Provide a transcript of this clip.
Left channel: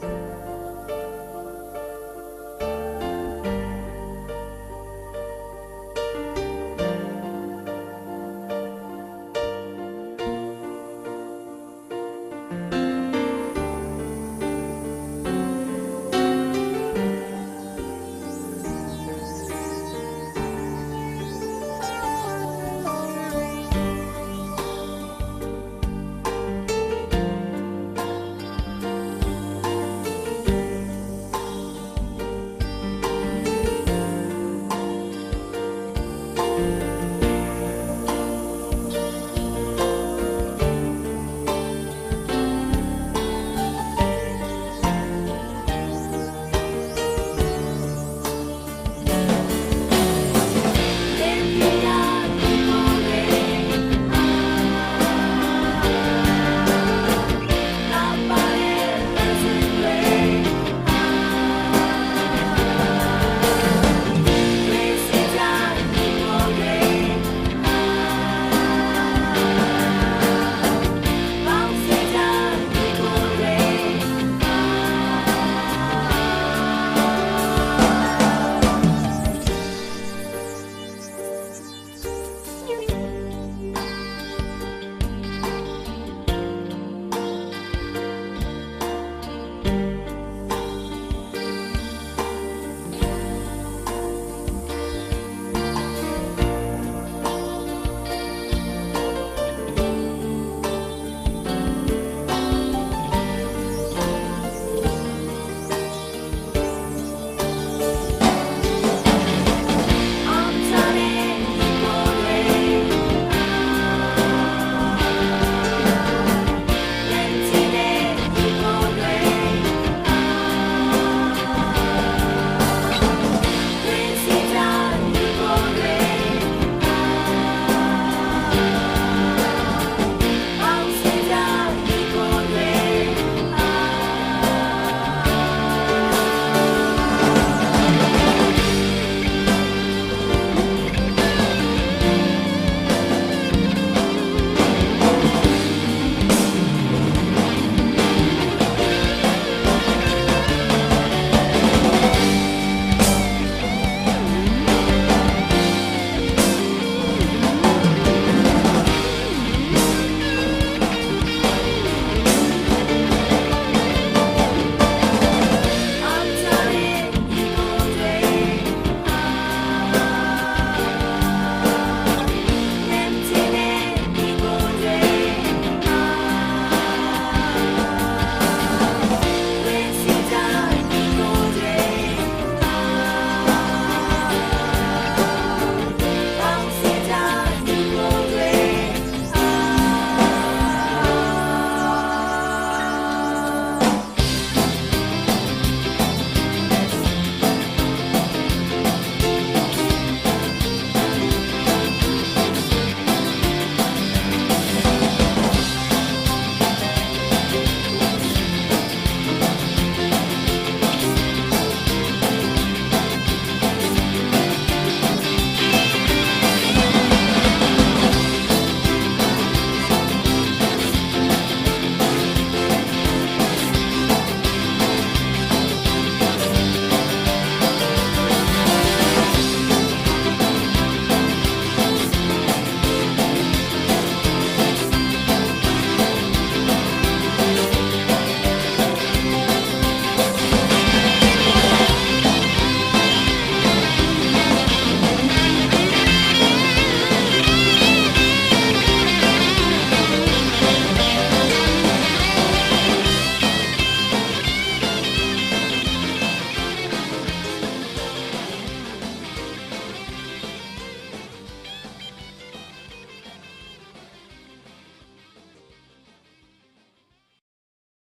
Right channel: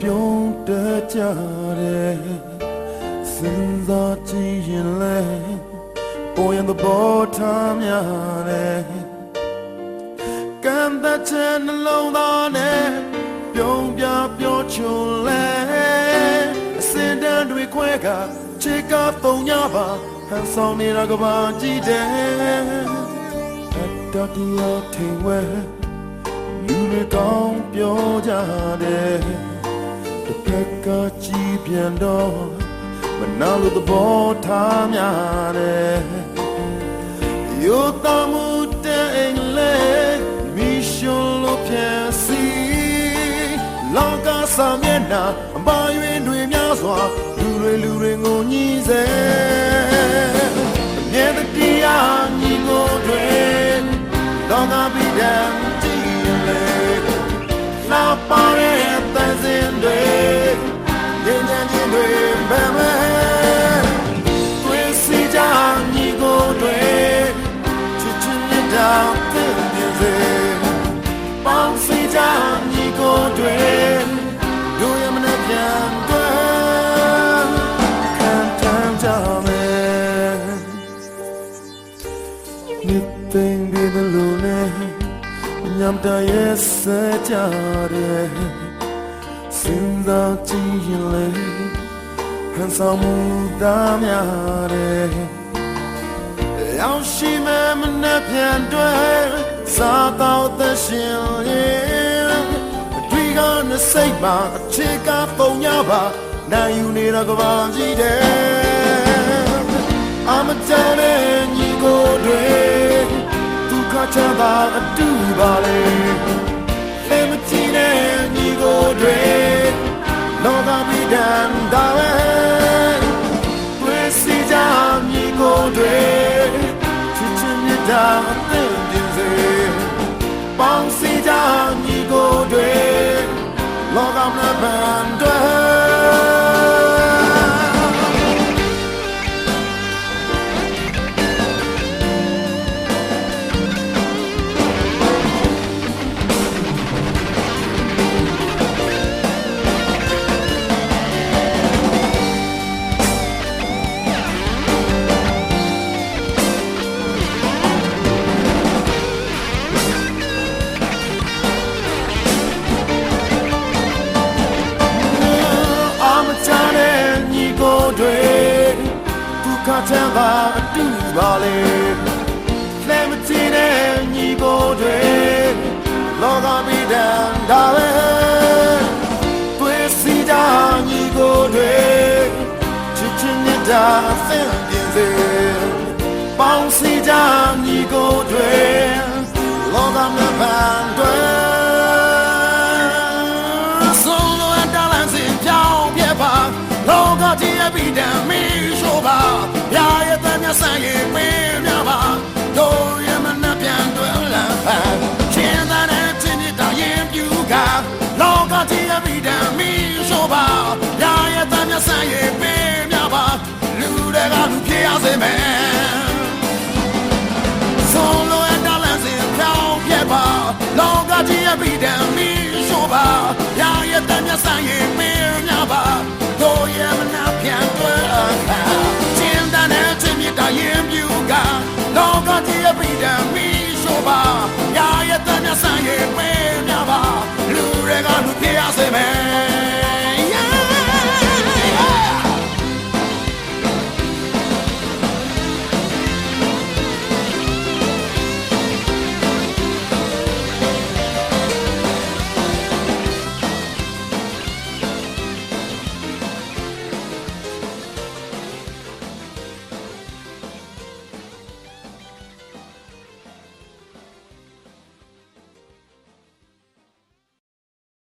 ပြုံးတကြတယ်စင်သာကြည့်ရင်လဲပေါ်ရင်ဘောထားများတယ်ကံတဲ့တဲ့နှလုံးသားနဲ့ပြုံးပြပြောချွန်လဲစင်တန်းတွေခွဲကချစ်ကပုံရပါဟန်ဆောင်နေတာကဘာကြည့်တယ်တော်တော်ထင်ဝဲ down ပြောကြတယ် ရဲ့စကြတဲ့စင်တော့ကြည့်ရင်လေဟန်ဆောင်မှုတာများတဲ့ရောင်ရှိမဲ့မနှက်ပြန်တွေစားတော့သရှင်လေဒီကနေ့စိတ်မှာအချစ်ကပုံရပါနိုင်ယူနေတာကဘာကြီးတဲ့ I'm a tennis